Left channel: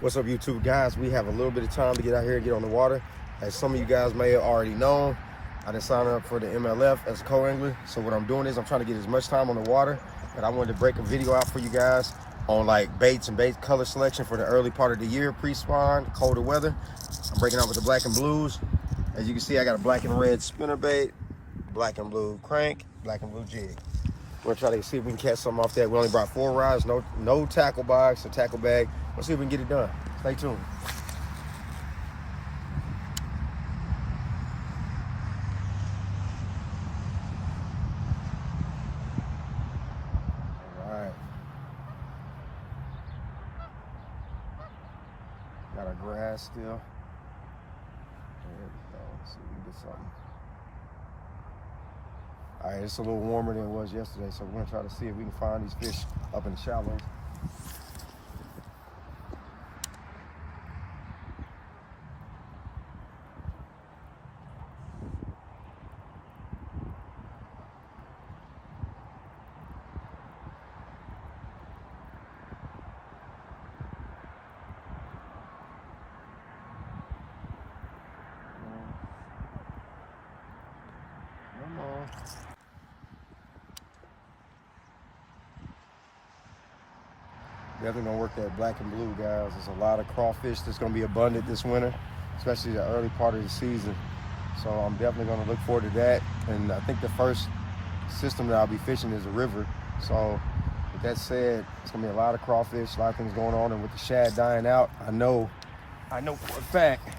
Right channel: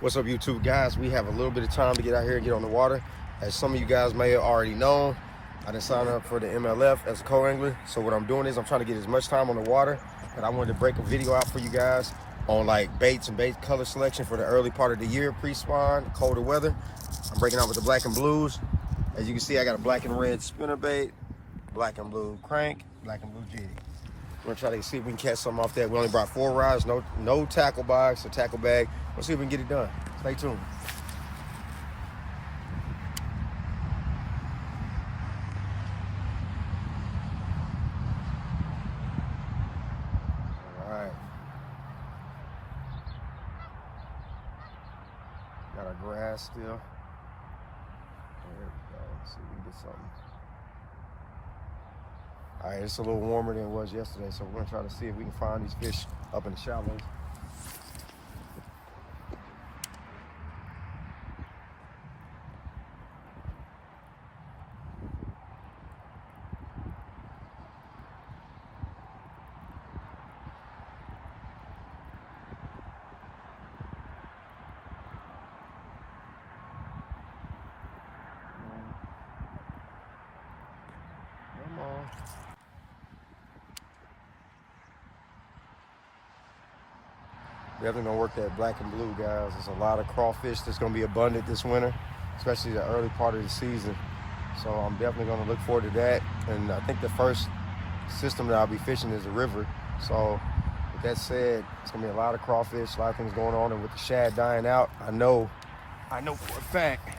What's up, YouTube guys? We have a little bit of time to get out here and get on the water. As some of you guys may have already known, I done signed up for the MLF as a co-angler. So what I'm doing is I'm trying to get as much time on the water, but I wanted to break a video out for you guys on like baits and bait color selection for the early part of the year, pre-spawn, colder weather. I'm breaking out with the black and blues. As you can see, I got a black and red spinnerbait, black and blue crank, black and blue jig. We're gonna try to see if we can catch something off that. We only brought 4 rods, no tackle box or tackle bag. Let's see if we can get it done. Stay tuned. All right. Got our grass still. There we go. Let's see if we can get something. All right, it's a little warmer than it was yesterday, so we're gonna try to see if we can find these fish up in the shallows. Come on. Definitely gonna work that black and blue, guys. There's a lot of crawfish that's gonna be abundant this winter, especially the early part of the season. So I'm definitely gonna look forward to that. And I think the first system that I'll be fishing is a river. So with that said, it's gonna be a lot of crawfish, a lot of things going on. And with the shad dying out, I know for a fact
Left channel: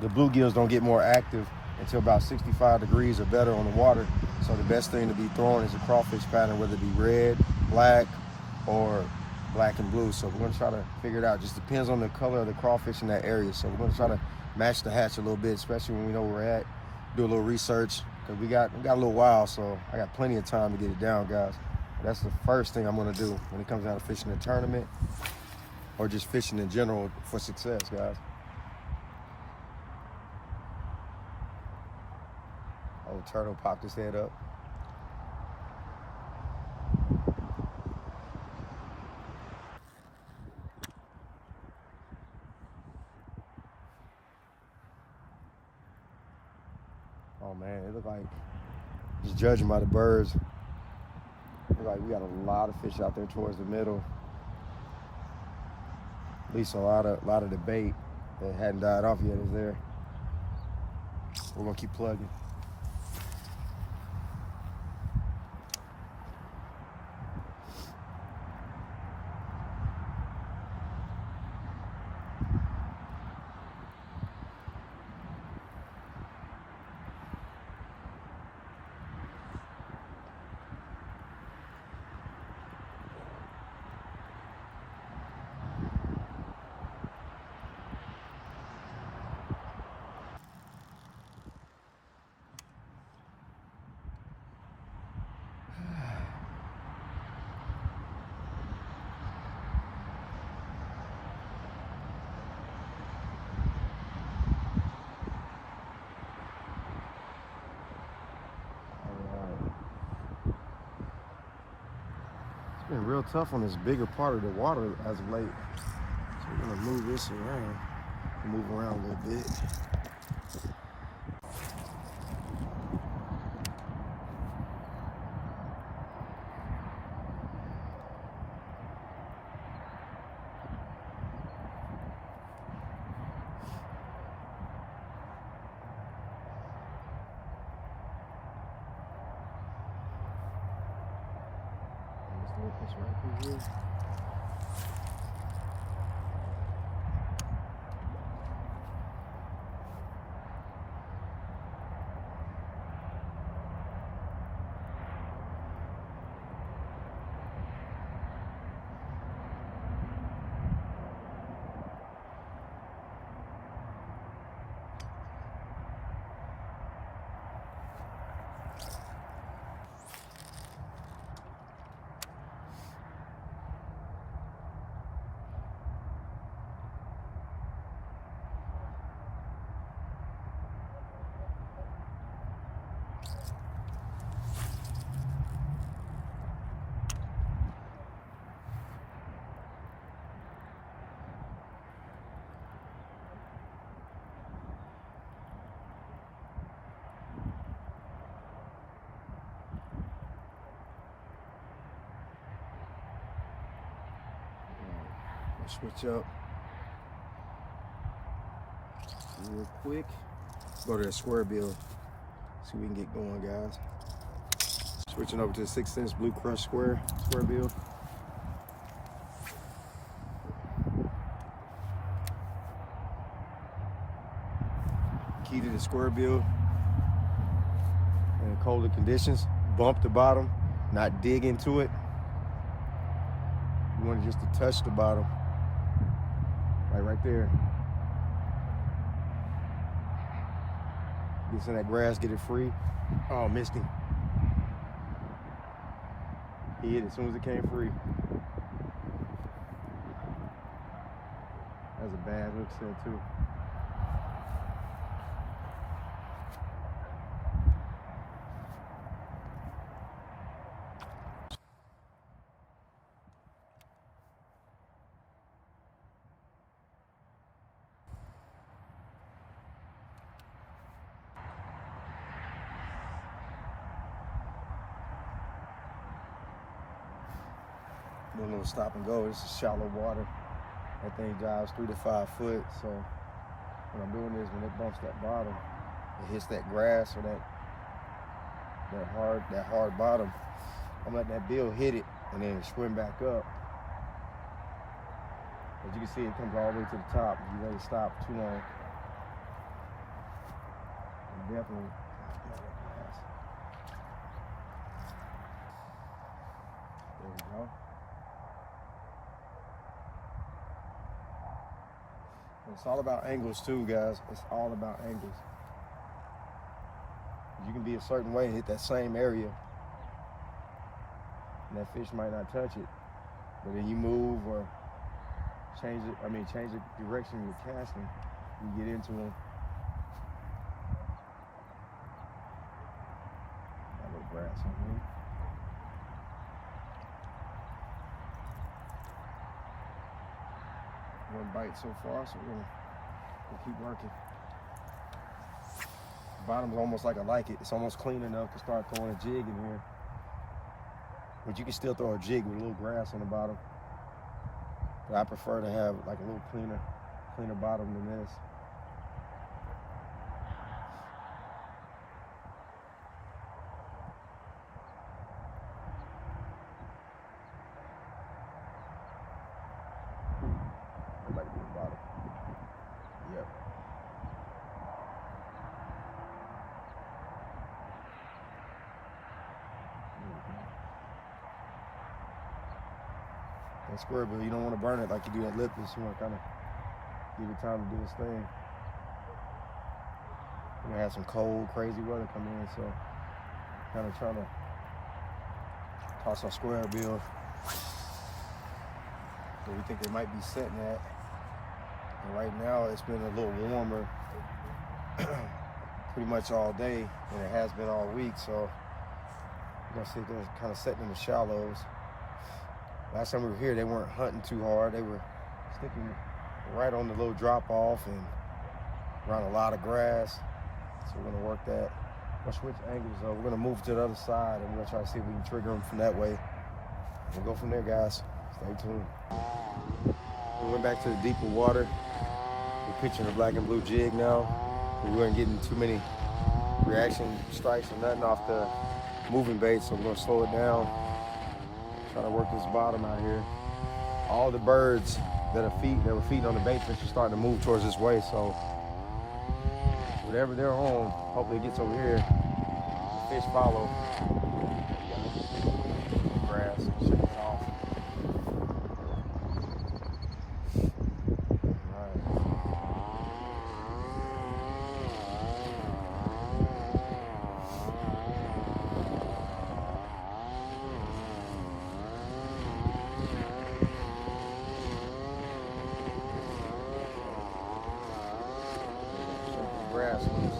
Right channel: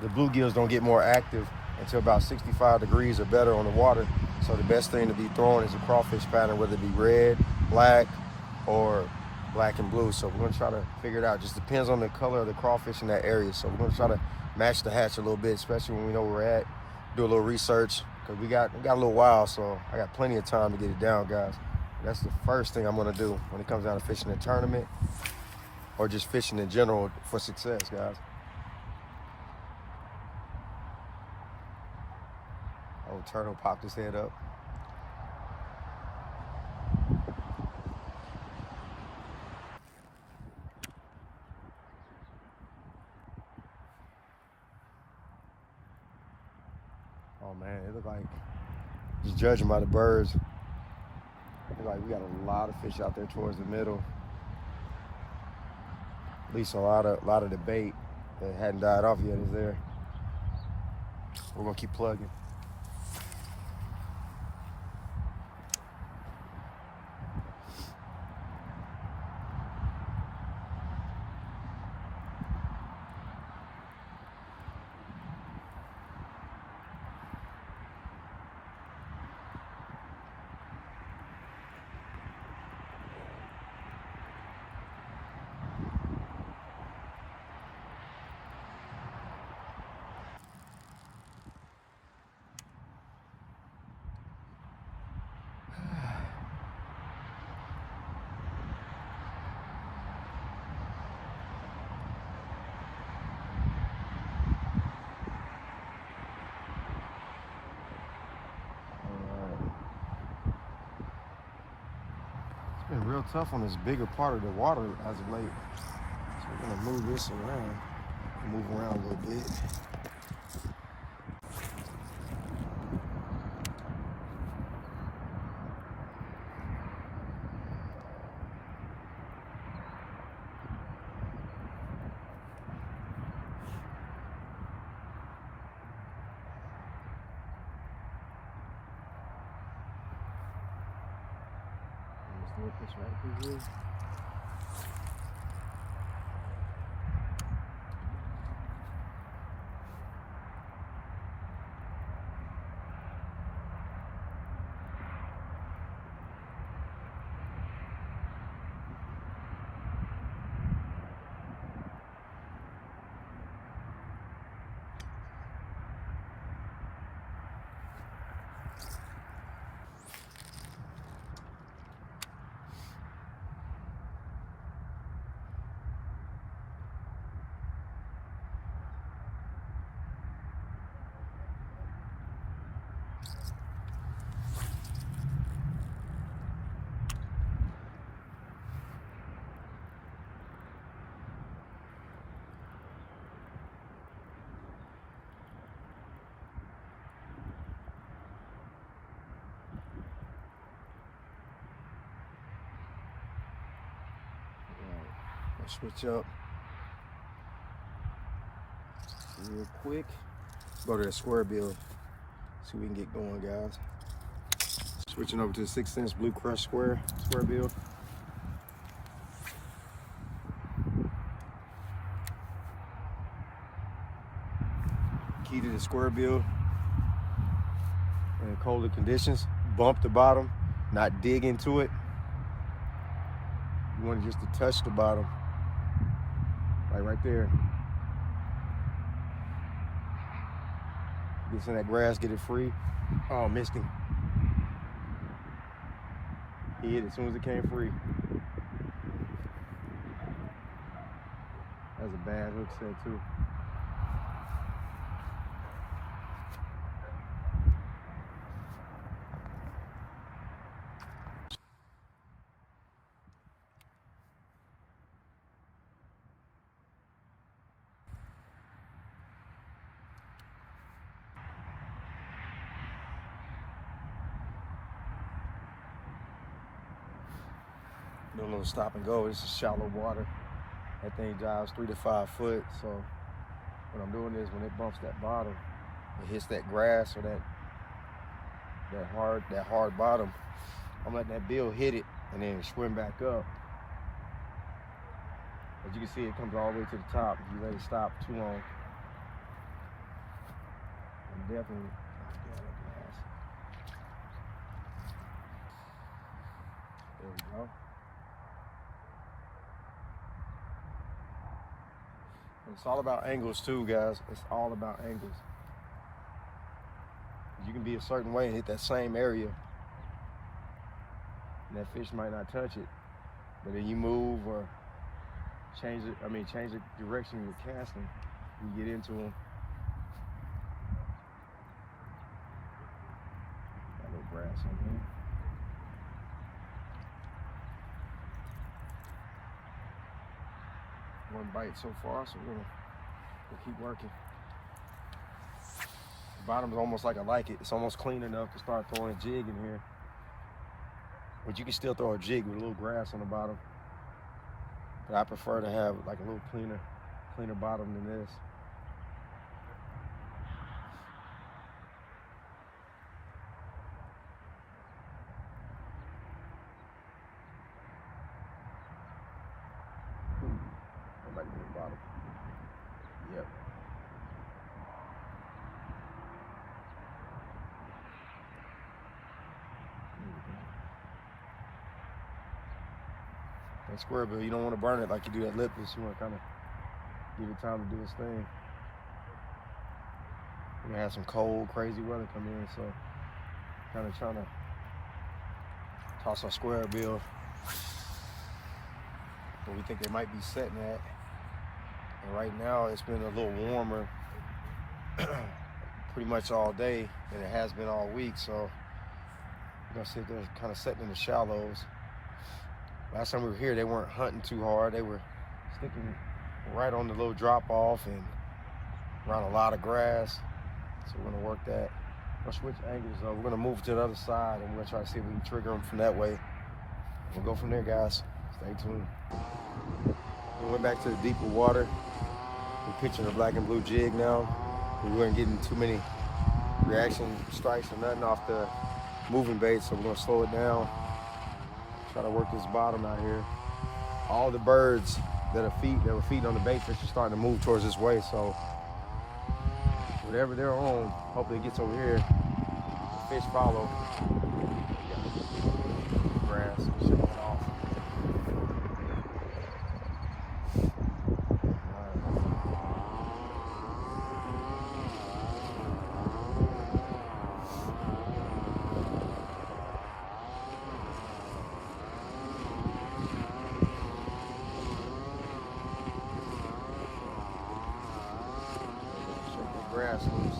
the bluegills don't get more active until about 65 degrees or better on the water. So the best thing to be throwing is a crawfish pattern, whether it be red, black, or black and blue. So we're gonna try to figure it out. Just depends on the color of the crawfish in that area. So we're gonna try to match the hatch a little bit, especially when we know where we're at. Do a little research, because we got a little while, so I got plenty of time to get it down, guys. But that's the first thing I'm gonna do when it comes down to fishing a tournament or just fishing in general for success, guys. Oh, turtle popped his head up. Oh man, it looked like, just judging by the birds, it looked like we got a lot of fish out there towards the middle. At least a lot of the bait that hadn't died off yet is there. We're gonna keep plugging. It's been real tough on this bigger part of the water as of late. So we're gonna move this around. Move around a little bit. And just look this right through here. I'll switch up real quick. Go to the square bill. See what we can get going, guys. Switching over to the 6" Blue Crush square bill. Key to the square bill in colder conditions, bump the bottom, not dig into it. You want it just to touch the bottom, like right there. Gets in that grass, get it free. Oh, missed him. He hit it as soon as it came free. That's a bad hook set too. Do a little stop and go. This is shallow water. That thing dives 3 to 5 foot. So what I'm doing is when it bumps that bottom, it hits that grass or that hard bottom. I'm letting that bill hit it and then swim back up. As you can see, it comes all the way to the top. If you let it stop too long, I'm definitely get out of that grass. There you go. It's all about angles too, guys. It's all about angles. You can be a certain way and hit that same area, and that fish might not touch it. But then you move or change the direction you're casting, you get into them. Got a little grass on here. One bite so far, so we'll keep working. The bottom's almost like I like it. It's almost clean enough to start throwing a jig in here. But you can still throw a jig with a little grass on the bottom. But I prefer to have like a little cleaner bottom than this. That might be the bottom. Yep. That square bill, you don't want to burn it like you do that lipless. You want to kind of give it time to do its thing. We're gonna have some cold, crazy weather come in, so kind of trying to toss our square bill where we think they might be setting at. And right now it's been a little warmer pretty much all day than it has been all week, so we're gonna see if they're kind of setting in the shallows. Last time we were here, they weren't hunting too hard. They were sticking right on the little drop off and around a lot of grass. So we're gonna work that. We'll switch angles though. We're gonna move to the other side and we're gonna try to see if we can trigger them from that way. We'll go from there, guys. Stay tuned. We went back to the deeper water. We're pitching a black and blue jig now. We weren't getting too many reaction strikes or nothing off the moving bait, so we're gonna slow it down. Try to work this bottom out here. All the birds that were feeding on the bait fish are starting to move towards this way, so whatever they're on, hopefully it gets over here. The fish follow. Grass, shake it off. Grass loose.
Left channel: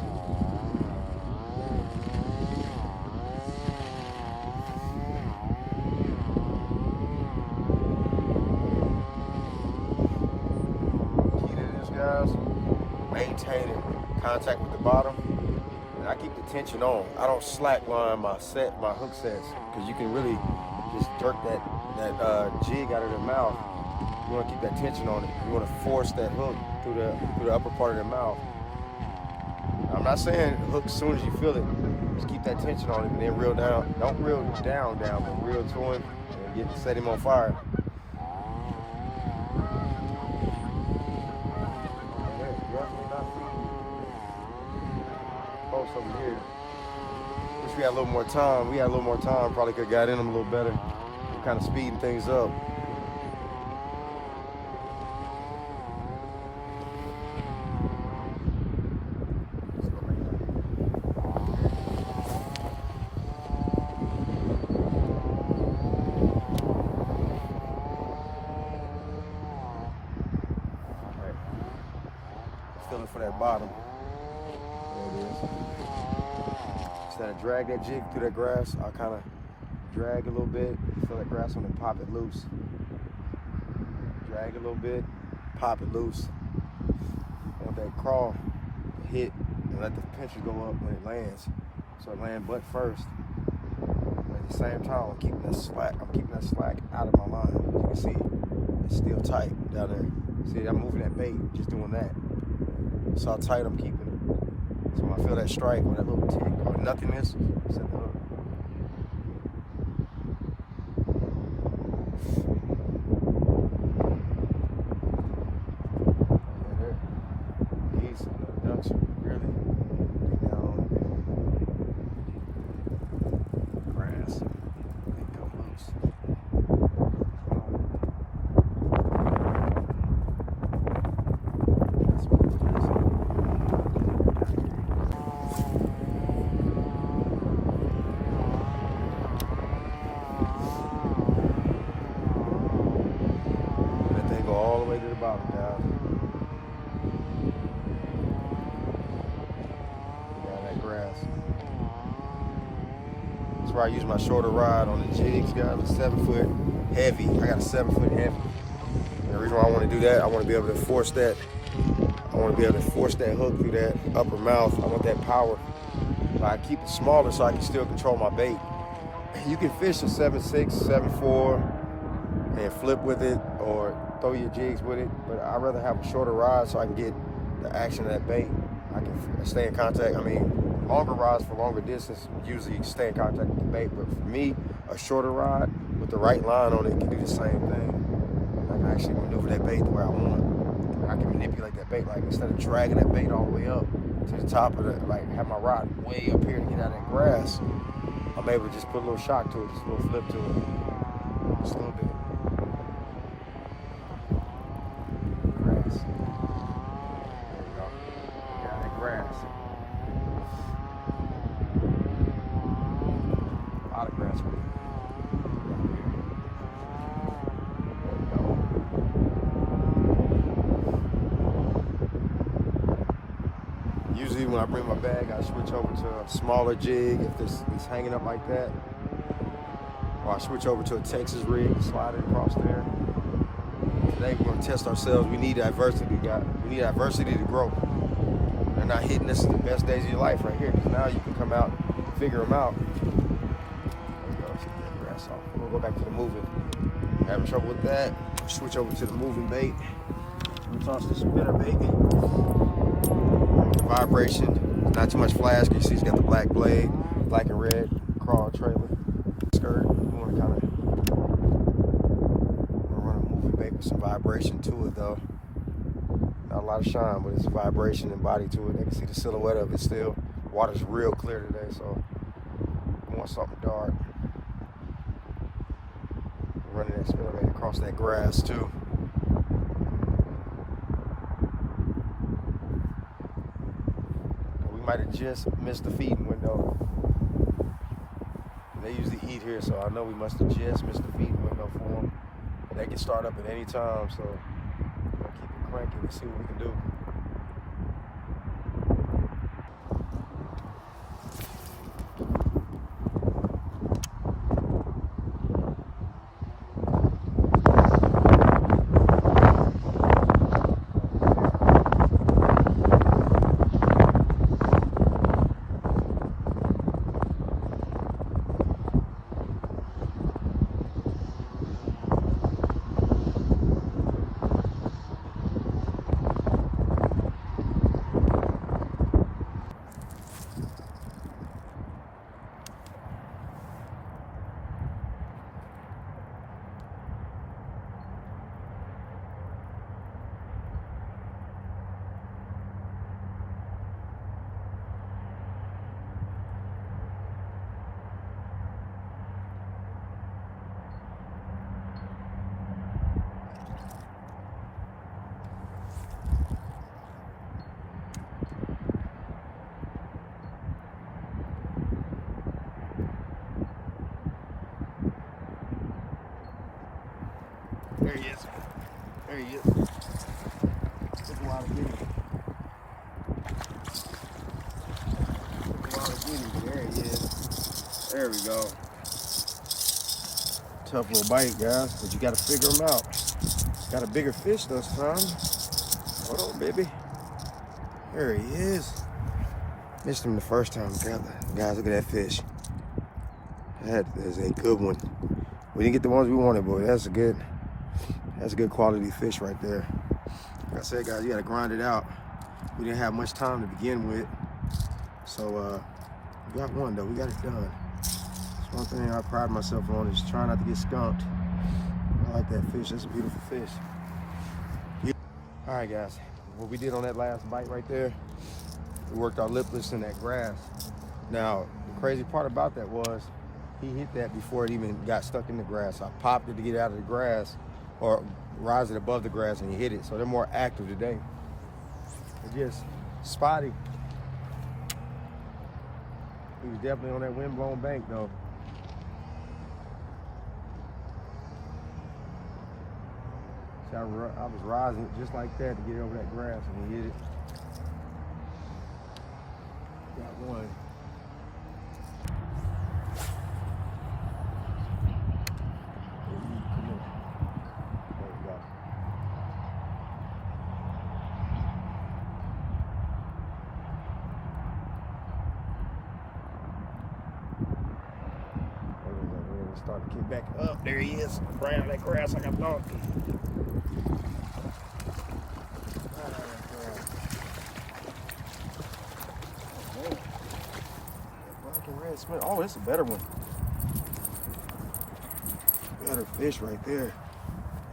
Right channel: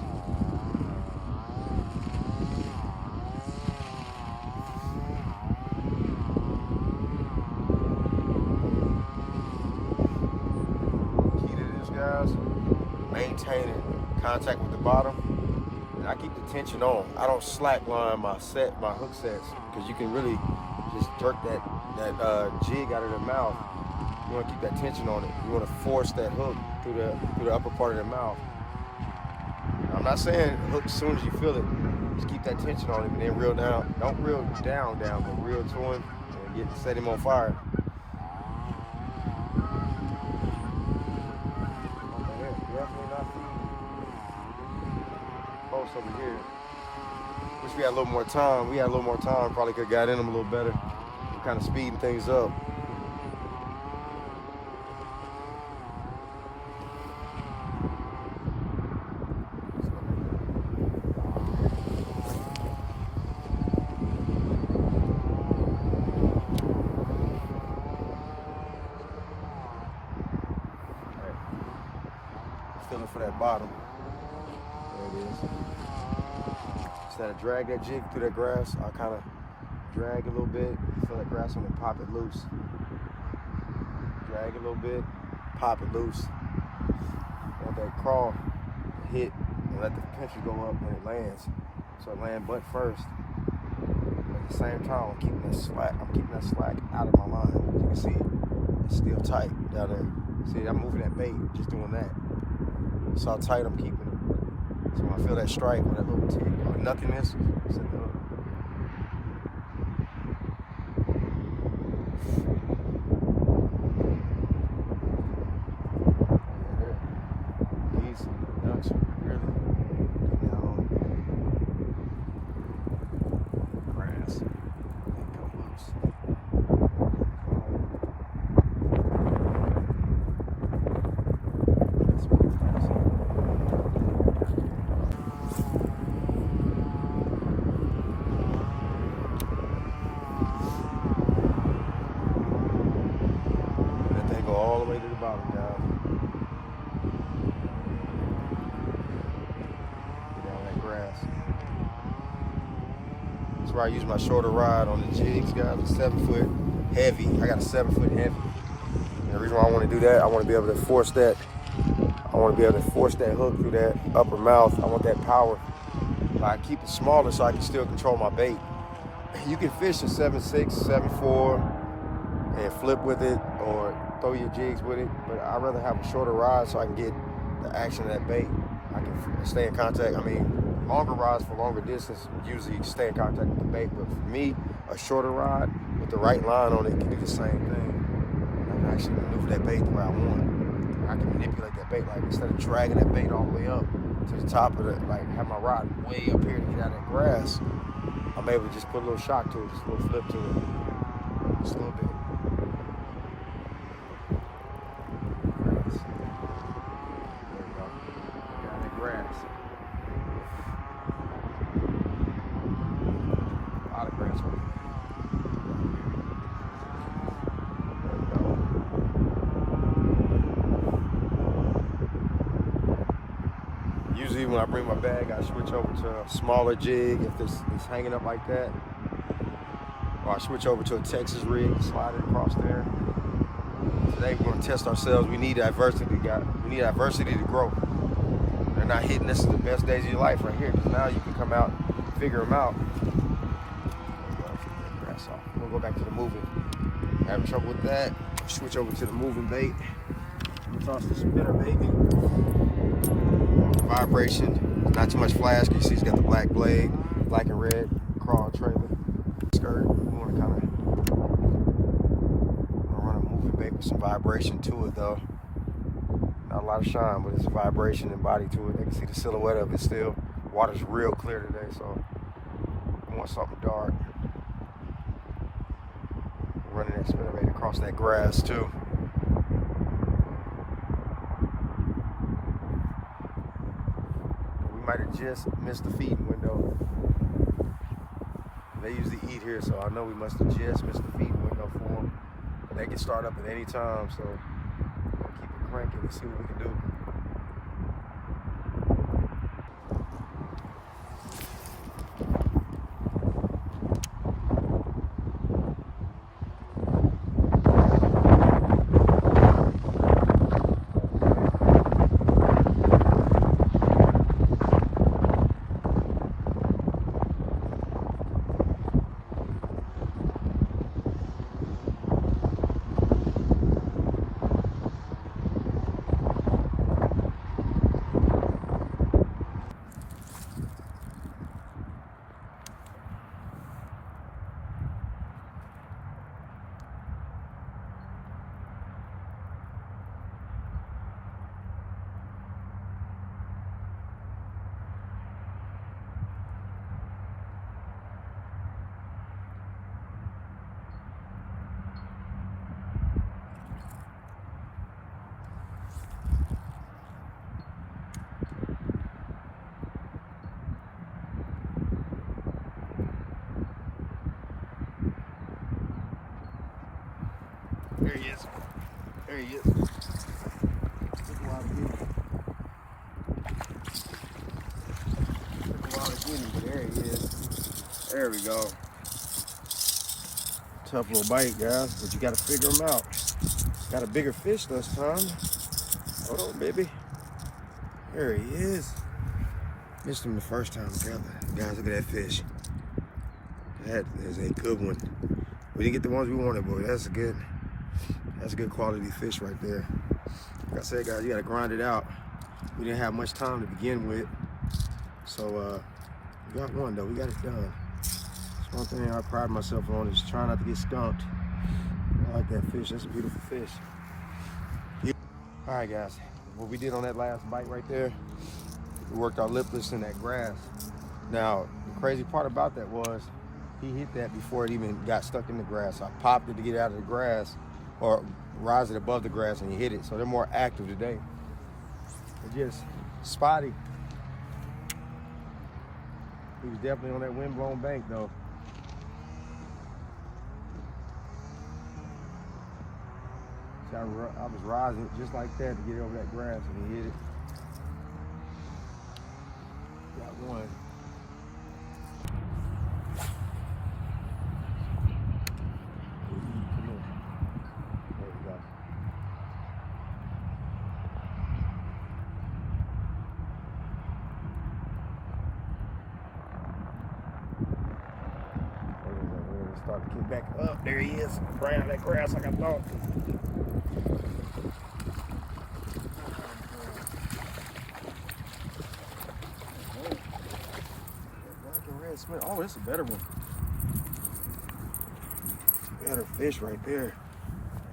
Key to this, guys, maintaining contact with the bottom, and I keep the tension on. I don't slack line my hook sets, because you can really just jerk that jig out of their mouth You want to keep that tension on it. You want to force that hook through the upper part of the mouth. Now, I'm not saying hook as soon as you feel it. Just keep that tension on him and then reel down. Don't reel down, but reel to him and set him on fire. Oh man, they're definitely not feeding close over here. Wish we had a little more time. We had a little more time. Probably could have got in them a little better. We're kind of speeding things up. Feeling for that bottom. There it is. Instead of drag that jig through that grass, I'll kind of drag a little bit, feel that grass on it, pop it loose. Drag a little bit, pop it loose. I want that crawl to hit and let the pincher go up when it lands. So it land butt first. But at the same time, I'm keeping that slack out of my line. As you can see, it's still tight down there. See, I'm moving that bait, just doing that. So how tight I'm keeping it. So when I feel that strike or that little tick or nothingness, set the hook. Geese on the ducks really get down on the grass and come loose. Go all the way to the bottom, guys. Get down that grass. That's where I use my shorter rod on the jigs, guys. A 7-foot heavy. I got a 7-foot heavy. And the reason why I want to do that, I want to be able to force that. I want to be able to force that hook through that upper mouth. I want that power. But I keep it smaller so I can still control my bait. You can fish a 7.6, 7.4 and flip with it or throw your jigs with it, but I'd rather have a shorter rod so I can get the action of that bait. I can stay in contact. I mean, longer rods for longer distance usually stay in contact with the bait, but for me, a shorter rod with the right line on it can do the same thing. I can actually maneuver that bait the way I want. I can manipulate that bait, like instead of dragging that bait all the way up to the top of the, like have my rod way up here to get out of that grass, I'm able to just put a little shock to it, just a little flip to it, just a little bit. Grass. A lot of grass right there. There we go. Usually when I bring my bag, I switch over to a smaller jig if it's hanging up like that. Or I switch over to a Texas rig, slide it across there. Today we're going to test ourselves. We need adversity, guys. We need adversity to grow. They're not hitting. This is the best days of your life right here, because now you can come out, figure them out. There you go. Get that grass off. We'll go back to the moving. Having trouble with that? Switch over to the moving bait. I'm gonna toss the spinner bait. The vibration. Not too much flash. You see, it's got the black blade, black and red crawl trailer skirt. We want to kind of run a moving bait with some vibration to it, though. Not a lot of shine, but it's vibration and body to it. They can see the silhouette of it still. Water's real clear today, so we want something dark. Running that spinnerbait across that grass too. We might have just missed the feeding window. They usually eat here, so I know we must have just missed the feeding window for them. But they can start up at any time, so cranking and see what we can do. There he is. There he is. Took a while to get him. Took a while to get him. There he is. There we go. Tough little bite, guys, but you got to figure him out. Got a bigger fish this time. Hold on, baby. There he is. Missed him the first time. Guys, look at that fish. That is a good one. We didn't get the ones we wanted, but that's a good quality fish right there. Like I said, guys, you gotta grind it out. We didn't have much time to begin with. So we got one though, we got it done. That's one thing I pride myself on, is trying not to get skunked. I like that fish, that's a beautiful fish. All right, guys, what we did on that last bite right there, we worked our lipless in that grass. Now, the crazy part about that was, he hit that before it even got stuck in the grass. I popped it to get it out of the grass, or rise it above the grass, and he hit it. So they're more active today. They're just spotty. He was definitely on that wind-blown bank, though. See, I was rising it just like that to get over that grass, and he hit it. Got one. Come here. There you go. We're gonna start to get back up. There he is, around that grass like I thought. Black and red spin. Oh, that's a better one. Better fish right there.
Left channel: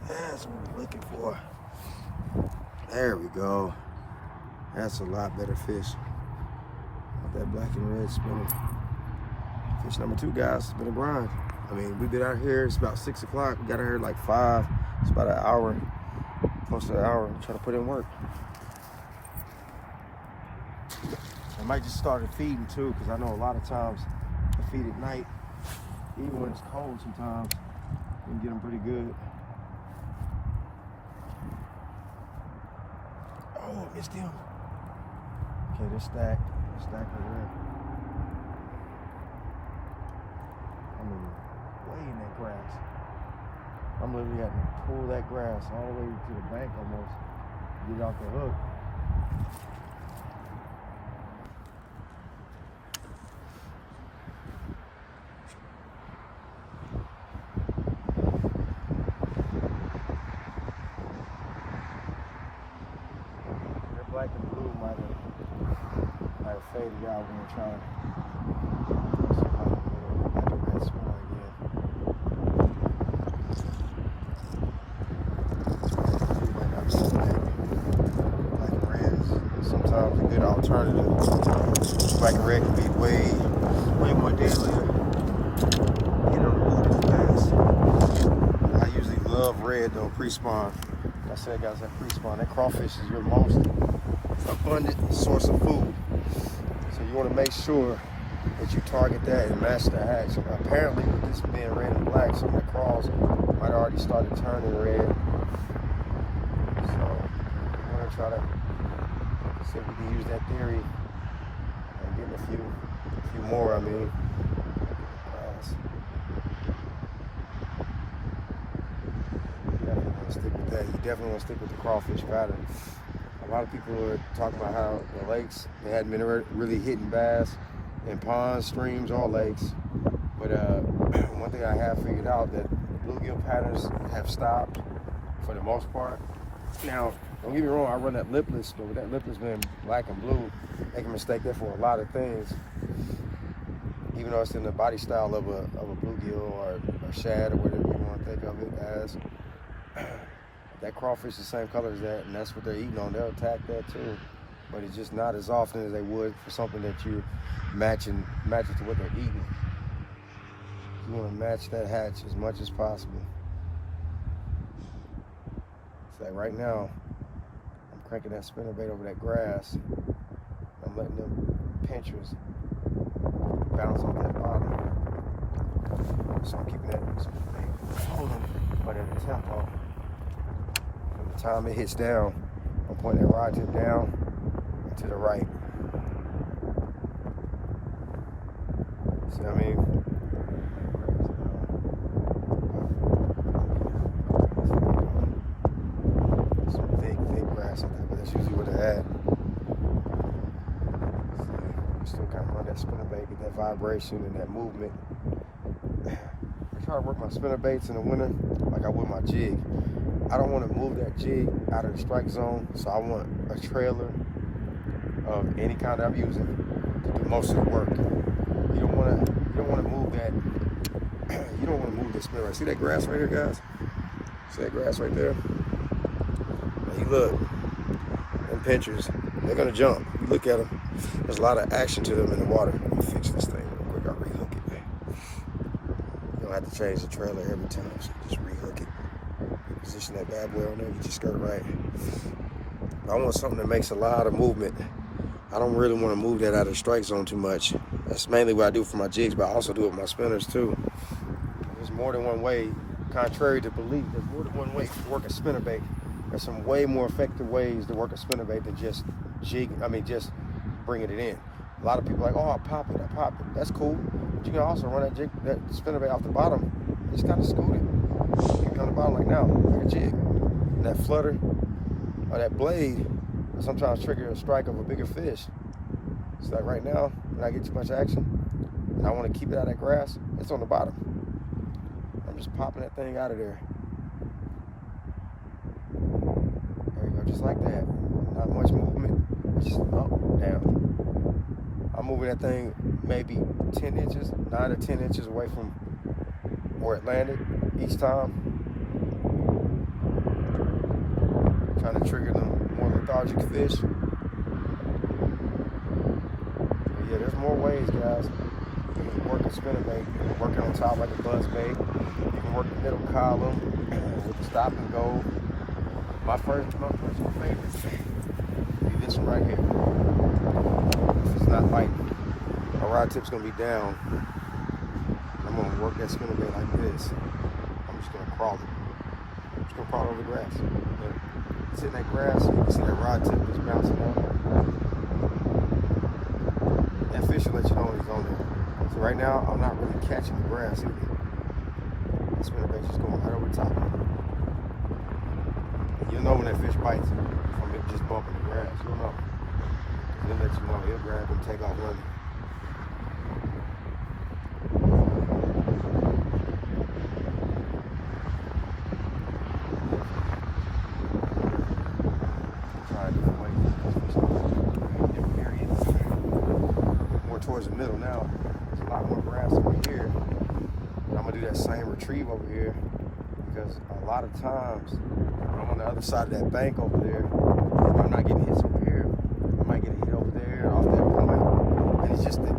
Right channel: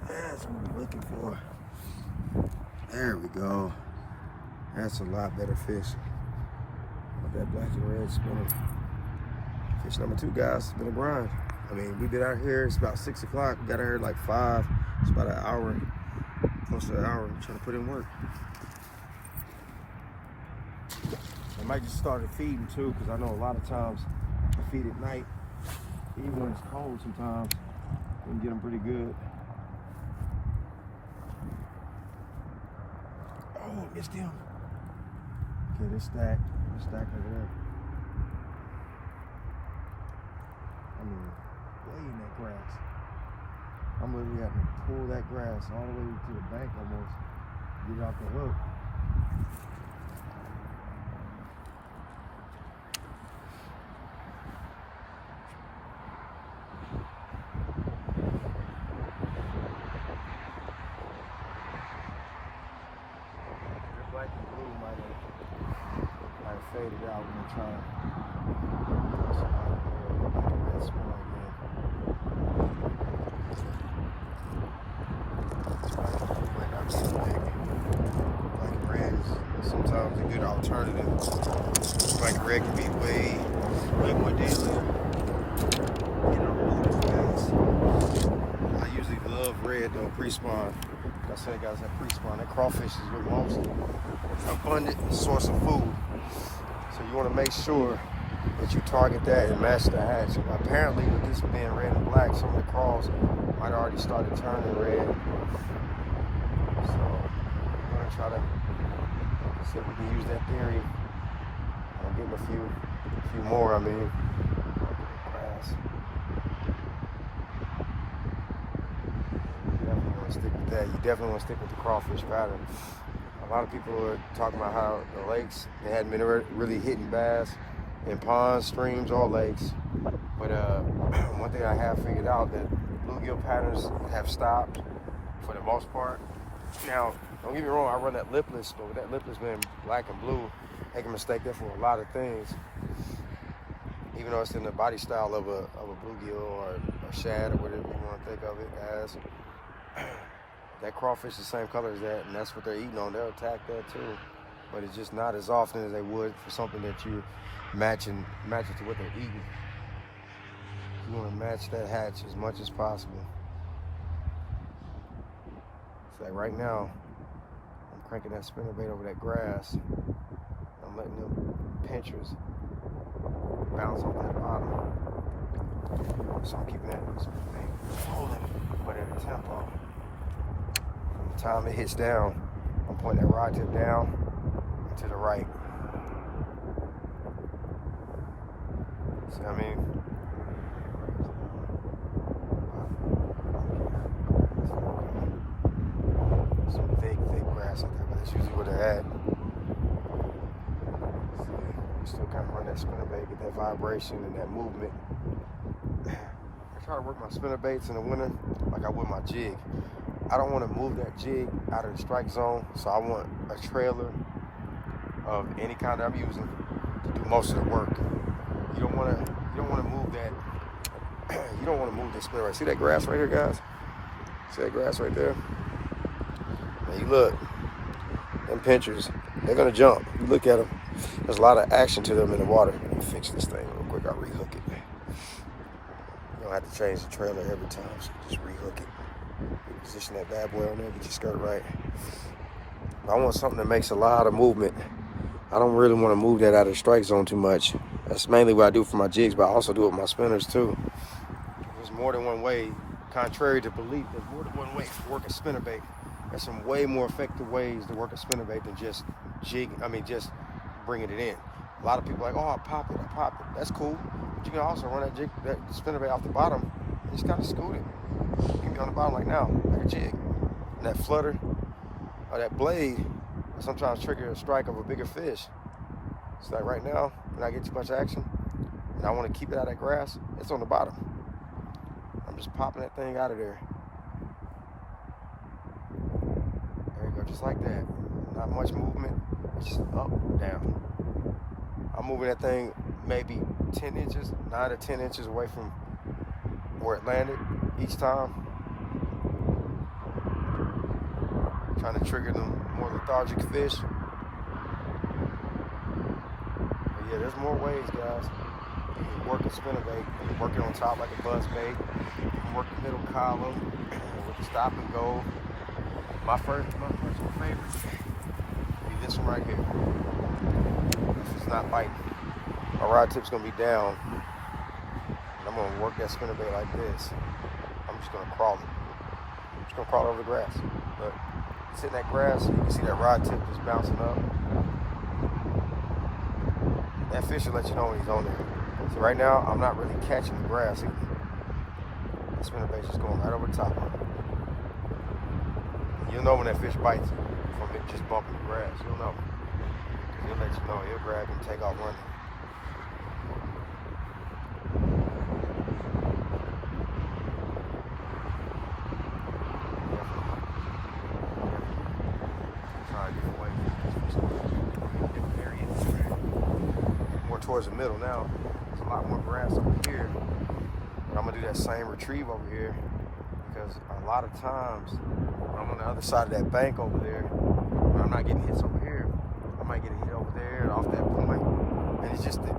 That's what we're looking for. There we go. That's a lot better fish. Got that black and red spinner. Fish number 2, guys. It's been a grind. I mean, we've been out here. It's about 6 o'clock. We got out here at like 5. It's about an hour, close to an hour, trying to put in work. I might just start feeding too, because I know a lot of times I feed at night, even when it's cold sometimes. You can get them pretty good. Oh, I missed him. Okay, they're stacked. They're stacked over there. I mean, way in that grass. I'm literally having to pull that grass all the way to the bank almost to get it off the hook. Black and blue might have faded out. We're gonna try some black and red spinner again. Black and blue might not be as big. Black and red is sometimes a good alternative. Black and red can be way more deadlier. You know, I usually love red though, pre-spawn. Like I said, guys, that pre-spawn, that crawfish is your most abundant source of food. So you want to make sure that you target that and match the hatch. Apparently, with this being red and black, some of the crawls might already started turning red. So we're going to try to see if we can use that theory and get a few more, I mean. You definitely want to stick with the crawfish pattern. A lot of people are talking about how the lakes, they hadn't been really hitting bass in ponds, streams, or lakes. But one thing I have figured out, that the bluegill patterns have stopped for the most part. Now, don't get me wrong, I run that lipless, but with that lipless being black and blue, they can mistake that for a lot of things. Even though it's in the body style of a bluegill or shad or whatever you want to think of it as. That crawfish is the same color as that, and that's what they're eating on. They'll attack that too, but it's just not as often as they would for something that you're matching to what they're eating. You want to match that hatch as much as possible. So like right now, I'm cranking that spinnerbait over that grass. I'm letting them pinchers bounce off that bottom. So I'm keeping that spinnerbait holding, but at a tempo. time it hits down, I'm pointing that rod tip down and to the right. See what I mean? Some thick grass out there, but that's usually where they're at. See, you still kind of run that spinnerbait, get that vibration and that movement. I try to work my spinnerbaits in the winter like I would my jig. I don't want to move that jig out of the strike zone, so I want a trailer of any kind that I'm using to do most of the work. You don't want to move that. You don't want to move the spinnerbait. See that grass right here, guys? See that grass right there? Now you look, them pinchers, they're gonna jump. You look at them. There's a lot of action to them in the water. Let me fix this thing real quick. I'll rehook it. You don't have to change the trailer every time, so you just rehook it. You position that bad boy on there, get your skirt right. I want something that makes a lot of movement. I don't really want to move that out of the strike zone too much. That's mainly what I do for my jigs, but I also do it with my spinners too. There's more than one way, contrary to belief, there's more than one way to work a spinnerbait. There's some way more effective ways to work a spinnerbait than just just bringing it in. A lot of people are like, oh, I pop it. That's cool. But you can also run that spinnerbait off the bottom and just kind of scoot it. You can be on the bottom like now, like a jig. And that flutter or that blade will sometimes trigger a strike of a bigger fish. So like right now, when I get too much action and I want to keep it out of that grass, it's on the bottom. I'm just popping that thing out of there. There you go, just like that. Not much movement, it's just up, down. I'm moving that thing maybe 10 inches, 9 to 10 inches away from where it landed each time. Trying to trigger them more lethargic fish. But yeah, there's more ways, guys. You can work a spinnerbait. You can work it on top like a buzz bait. You can work the middle column with the stop and go. My personal favorite be this one right here. If it's not biting, my rod tip's gonna be down. And I'm gonna work that spinnerbait like this. I'm just gonna crawl it. I'm just gonna crawl over the grass. But it's in that grass, you can see that rod tip just bouncing up. That fish will let you know when he's on there. So right now, I'm not really catching the grass either. The spinnerbait's just going right over the top of it. You'll know when that fish bites you from it just bumping the grass. You'll know. He'll let you know. He'll grab it and take off running. Trying different ways. Different areas. More towards the middle now. There's a lot more grass over here. But I'm gonna do that same retrieve over here because a lot of times I'm on the other side of that bank over there, but I'm not getting hits over here. I might get a hit over there off that point, and it's just the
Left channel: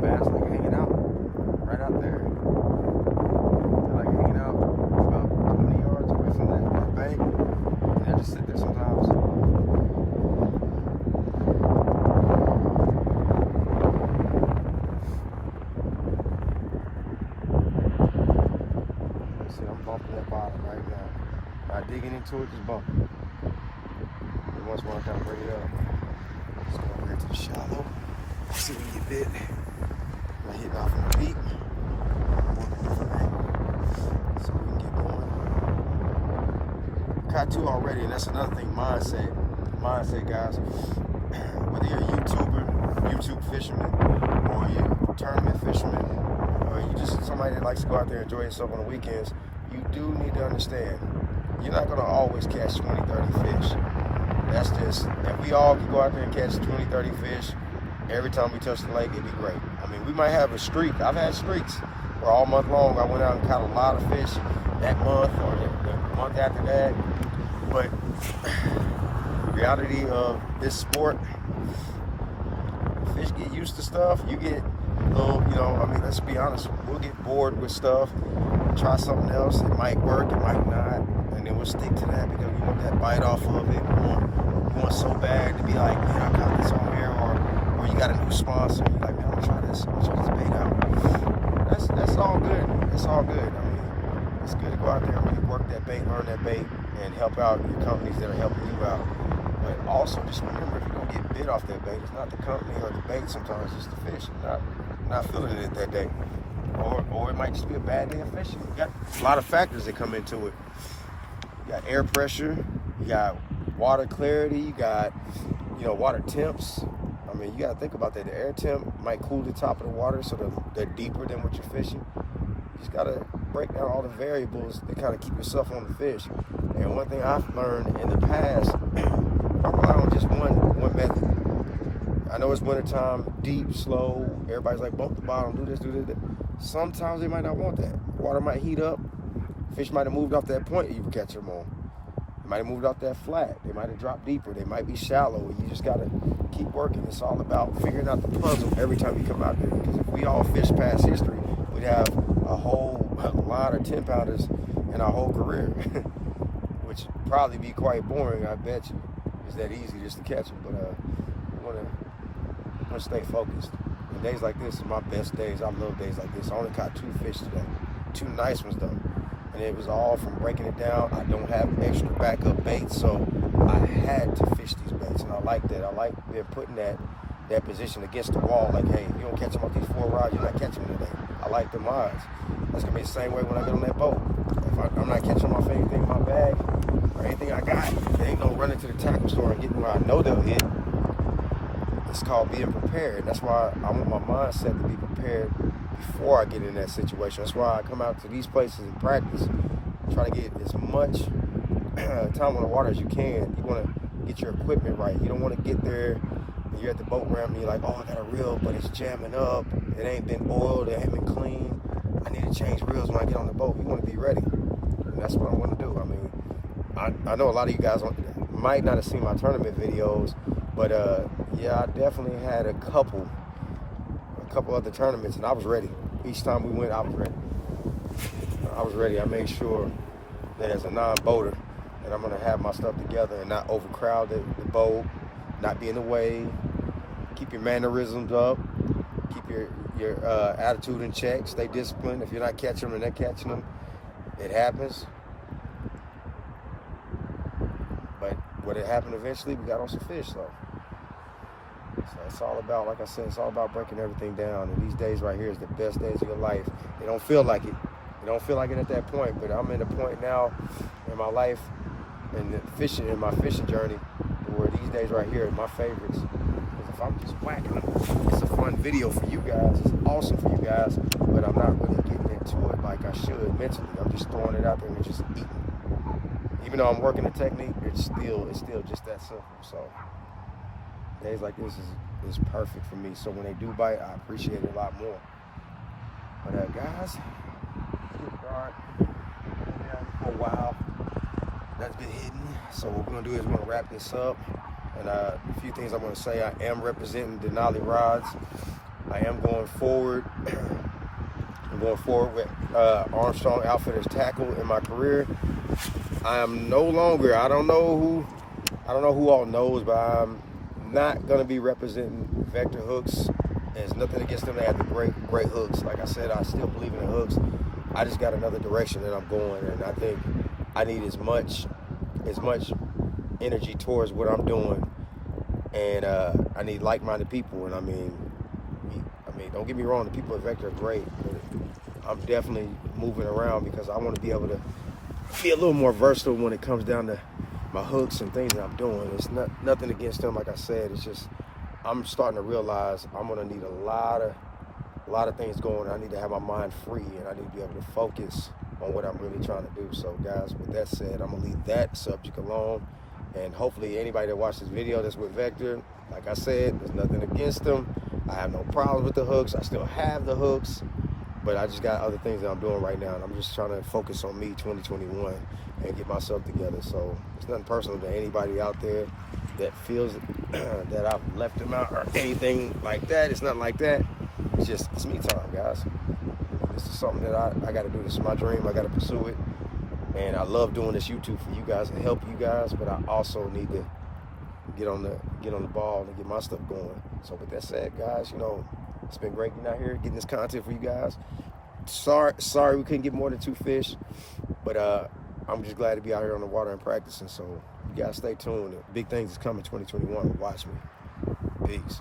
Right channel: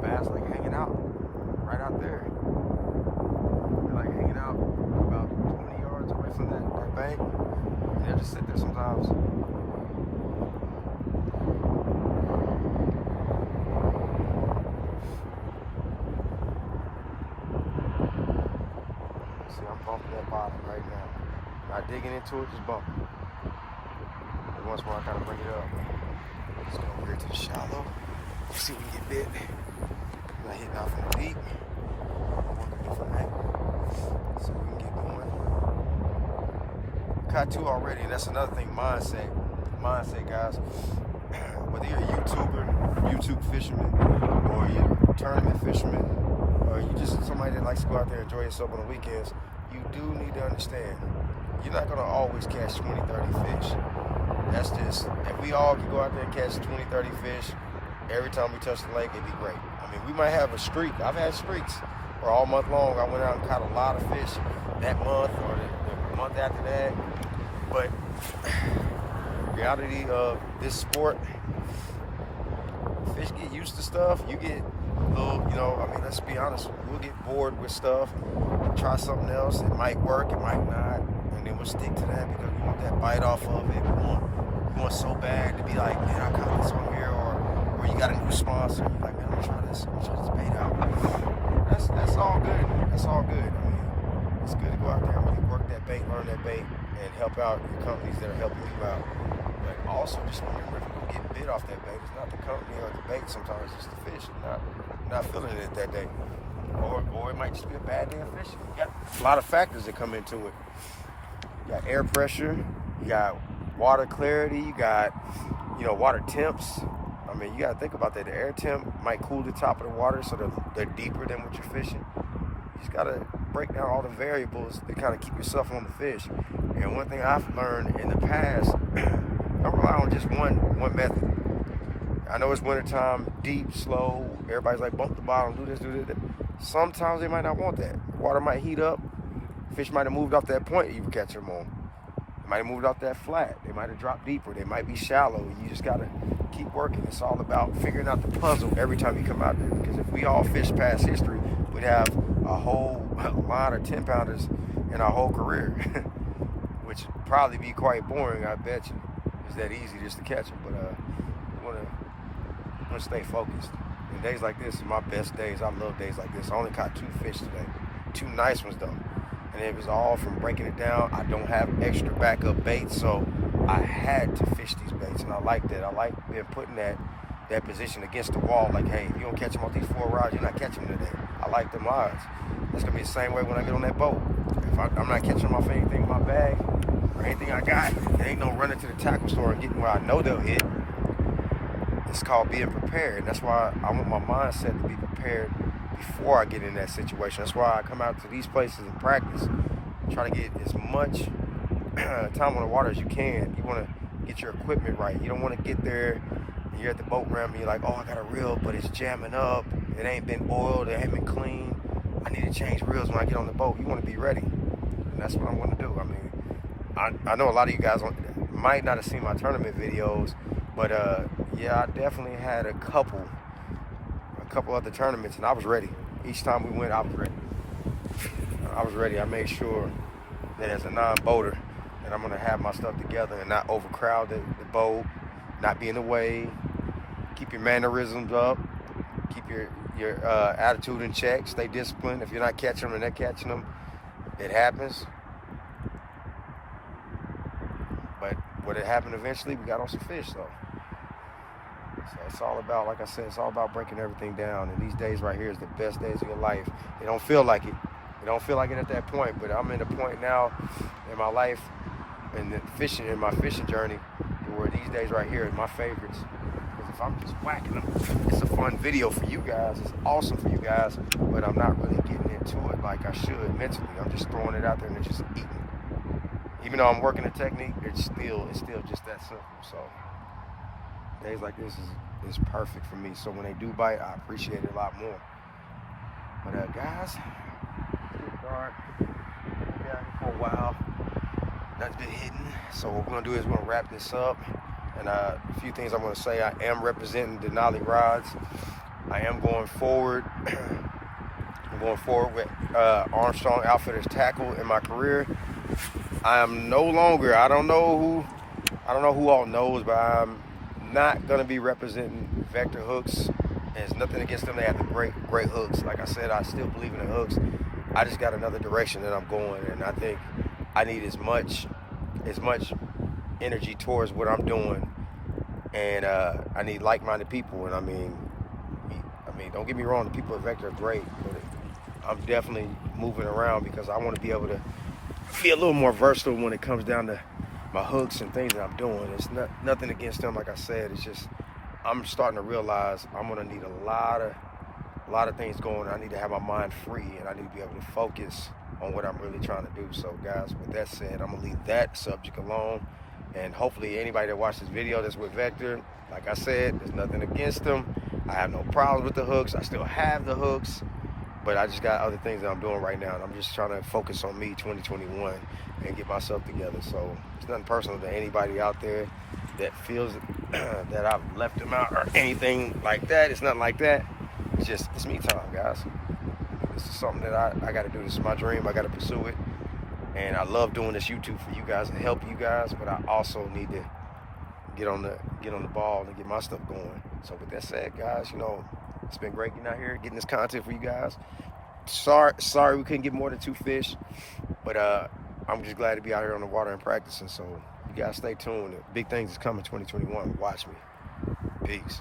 bass like hanging out right out there. They're like hanging out about 20 yards away from that bank, and they'll just sit there sometimes. Let's see, I'm bumping that bottom right now. Not digging into it, just bumping. And once more, I kind of bring it up. Let's go over here to the shallow. See if we can get bit. I'm not hitting off from the deep. Work a different angle. See if we can get going. Caught two already, and that's another thing, mindset. Mindset, guys. Whether you're a YouTuber, YouTube fisherman, or you're a tournament fisherman, or you just somebody that likes to go out there and enjoy yourself on the weekends, you do need to understand you're not going to always catch 20, 30 fish. That's just, if we all could go out there and catch 20, 30 fish every time we touch the lake, it'd be great. I mean, we might have a streak. I've had streaks where all month long I went out and caught a lot of fish that month or the month after that. But the reality of this sport, fish get used to stuff. You get a little, let's be honest, we'll get bored with stuff, try something else. It might work, it might not. And then we'll stick to that because we want that bite off of it. We want so bad to be like, man, I caught this on here, or you got a new sponsor, and you're like, man, I'm gonna try this bait out. That's all good. That's all good. I mean, it's good to go out there and really work that bait, learn that bait, and help out your companies that are helping you out. But also just remember, if you don't get bit off that bait, it's not the company or the bait. Sometimes it's the fish not feeling it that day, or it might just be a bad day of fishing. You got a lot of factors that come into it. You got air pressure, you got water clarity, you got water temps. I mean, you got to think about that. The air temp might cool the top of the water so they're deeper than what you're fishing. You just got to break down all the variables to kind of keep yourself on the fish. And one thing I've learned in the past, don't rely on just one method. I know it's wintertime, deep, slow. Everybody's like, bump the bottom, do this. Sometimes they might not want that. The water might heat up. Fish might have moved off that point you were catching them on. They might have moved off that flat. They might have dropped deeper. They might be shallow. You just got to keep working. It's all about figuring out the puzzle every time you come out there. Because if we all fish past history, we'd have a whole line of 10-pounders in our whole career, which would probably be quite boring, I bet you. It's that easy just to catch them. But I want to stay focused. And days like this are my best days. I love days like this. I only caught 2 fish today. 2 nice ones, though. And it was all from breaking it down. I don't have extra backup baits, so I had to fish these baits, and I like that. I like being put in that position against the wall. Like, hey, if you don't catch them off these 4 rods, you're not catching them today. I like them odds. That's going to be the same way when I get on that boat. If I'm not catching them off anything in my bag or anything I got, there ain't no running to the tackle store and getting where I know they'll hit. It's called being prepared. That's why I want my mindset to be prepared before I get in that situation. That's why I come out to these places and practice, try to get as much time on the water as you can. You want to get your equipment right. You don't want to get there and you're at the boat ramp and you're like, oh, I got a reel, but it's jamming up. It ain't been oiled. It ain't been clean. I need to change reels when I get on the boat. You want to be ready. And that's what I want to do. I mean, I know a lot of you guys might not have seen my tournament videos, but yeah, I definitely had a couple other tournaments, and I was ready. Each time we went, I was ready. I made sure that as a non-boater that I'm going to have my stuff together and not overcrowd the boat, not be in the way, keep your mannerisms up, keep your attitude in check, stay disciplined. If you're not catching them and they're catching them, it happens. But what it happened eventually, we got on some fish, though. So it's all about, like I said, it's all about breaking everything down. And these days right here is the best days of your life. They don't feel like it. They don't feel like it at that point. But I'm in a point now in my life and in my fishing journey where these days right here are my favorites. Because if I'm just whacking them, it's a fun video for you guys. It's awesome for you guys. But I'm not really getting into it like I should mentally. I'm just throwing it out there and it's just eating. Even though I'm working the technique, it's still just that simple. So days like this is perfect for me. So when they do bite, I appreciate it a lot more. But guys, it's getting dark. Been down here for a while. That's been hidden. So what we're gonna do is we're gonna wrap this up. And a few things I'm gonna say. I am representing Denali Rods. I am going forward. I'm going forward with Armstrong Outfitters Tackle in my career. I am no longer. I don't know who all knows, but I'm not gonna be representing Vector hooks. There's nothing against them. They have the great hooks. Like I said, I still believe in the hooks. I just got another direction that I'm going, and I think I need as much energy towards what I'm doing, and I need like-minded people. And I mean, don't get me wrong, the people at Vector are great, but I'm definitely moving around because I want to be able to be a little more versatile when it comes down to my hooks and things that I'm doing. It's nothing against them, like I said. It's just I'm starting to realize I'm gonna need a lot of things going. I need to have my mind free, and I need to be able to focus on what I'm really trying to do. So guys, with that said, I'm gonna leave that subject alone. And hopefully anybody that watched this video that's with Vector, like I said, there's nothing against them. I have no problems with the hooks. I still have the hooks, but I just got other things that I'm doing right now, and I'm just trying to focus on me 2021 and get myself together. So it's nothing personal to anybody out there that feels that I've left them out or anything like that. It's nothing like that. It's me time, guys. This is something that I got to do. This is my dream. I got to pursue it. And I love doing this YouTube for you guys, to help you guys, but I also need to get on the ball and get my stuff going. So with that said, guys, it's been great getting out here, getting this content for you guys. Sorry we couldn't get more than 2 fish, but I'm just glad to be out here on the water and practicing. So you guys stay tuned. Big things is coming 2021. Watch me. Peace.